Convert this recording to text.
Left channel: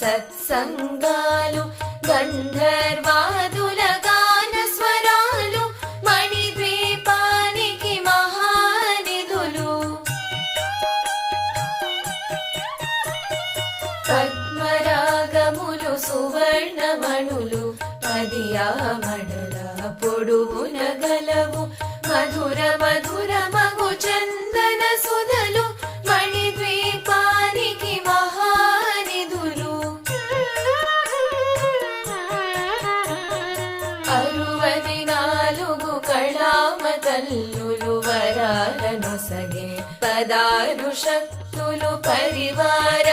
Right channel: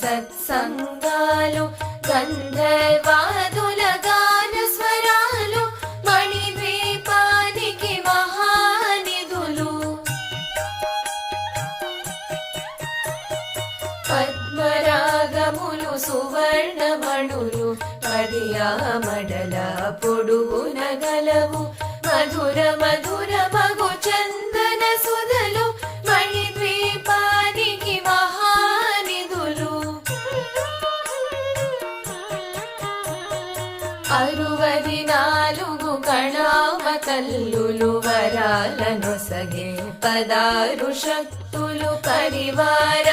సత్సంగాలు గంధర్వాదుల గాన స్వరాలు మణిద్వీపానికి మహానిధులు పద్మరాగములు సువర్ణమణులు పదియామడల పొడుగున గలవు మధుర మధుర మగు చందన సుధలు మణిద్వీపానికి మహానిధులు 64 కళామ తల్లులు వరాలను సగే 16 శక్తులు పరివార